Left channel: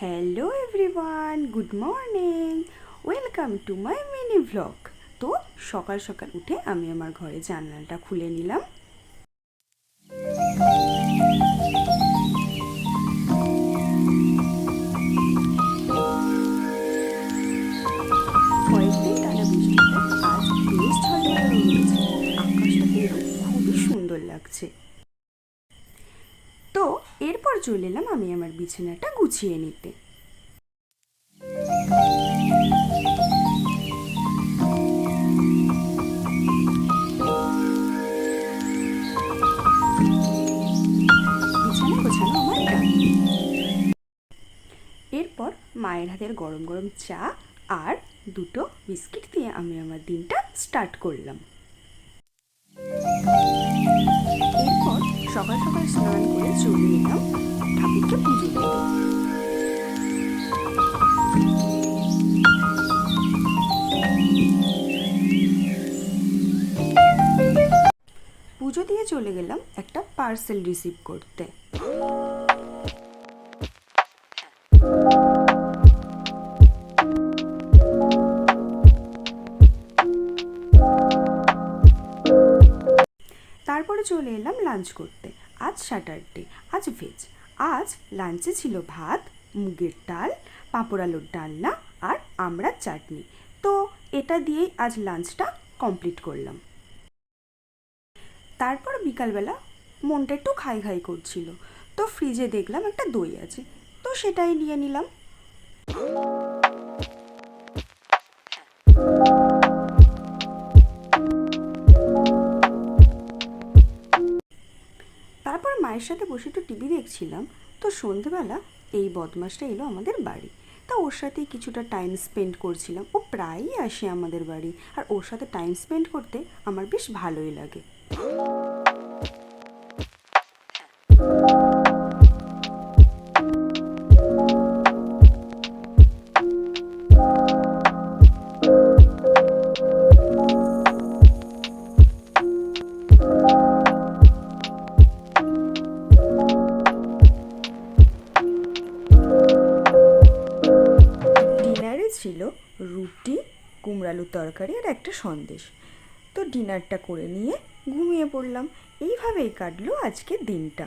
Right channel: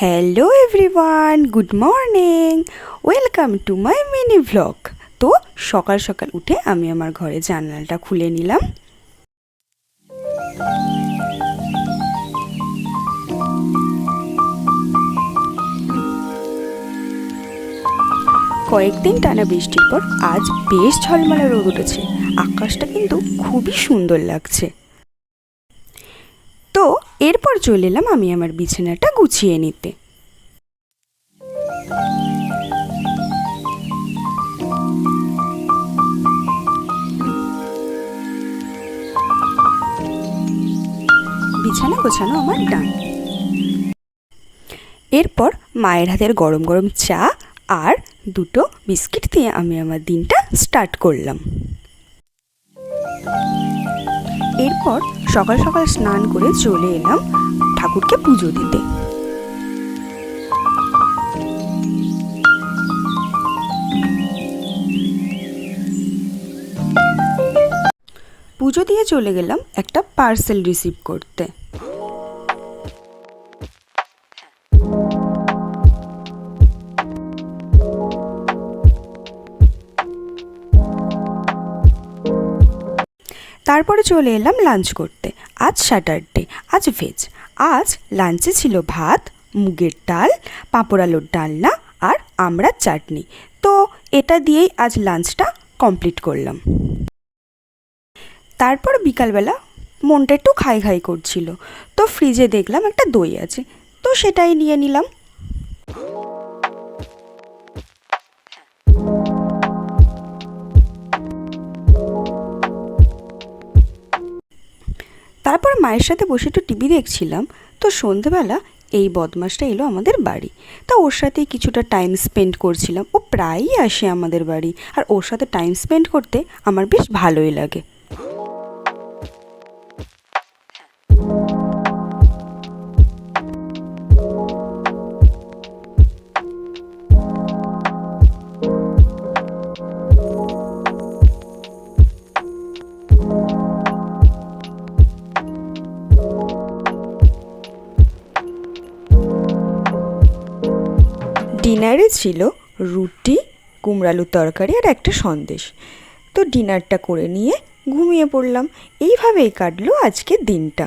Hello everyone, good morning, welcome to my mini vlog. তো সকাল সকাল উঠে আমি আমার ঘরে জানালাটা খুলে নিলাম। কয়েকদিন টানা বৃষ্টির পর আজ বেশ ঝলমলে রোদ উঠেছে। আকাশটা কিন্তু খুবই সুন্দর লাগছে। তো এরপর চলে এলাম আমি আমার বিছানাটা গুছিয়ে নিতে। বিছানা গোছানো আমার ডান। এরপর মায়ের হাতের গরম গরম চা আর দুটো বিস্কিট দিয়ে আমি আমার দিনটা স্টার্ট করলাম। এরপর সকাল সকাল স্নান করে চলে এলাম ঠাকুরকে পুজো দিতে। পুজো দিয়ে চলে গেলাম একটা পার্সেল রিসিভ করতে। তারপরে চলে এলাম লাঞ্চ করতে। আজ স্যাটারডে, আজ ভেজ। আজ লাঞ্চে ছিল ভাত, মুগের ডাল, পাঁপড় আলুর ডালনা আর আমড়ার চাটনি। তো এটা দিয়েই আজ লাঞ্চটা কমপ্লিট করলাম। তারপর বিকালবেলা মনটা একটু খাই খাই করছিল, তো ফ্রিজে দেখলাম একটা দই আছে, তো সেটাই নিয়ে নিলাম। তারপর মায়ের সাথে বসে একটু টিভি দেখছিলাম। তো সন্ধেবেলা এই বদমাসটা এলো আমাদের বাড়ি। তা ওর সাথেই কিছুটা টাইম স্পেন্ড করছিলাম। ও প্রায়ই আসে আমাদের বাড়ি, আর ওর সাথে টাইম স্পেন্ড করতে আমার বেশ ভালোই লাগে। ডিনারে ছিল রুটি, কুমড়ালুর তরকারি আর একটা সন্দেশ। তো ডিনারটা করে নিয়ে ঘুমিয়ে পড়লাম। এইভাবেই কাটলো আজকের দিনটা।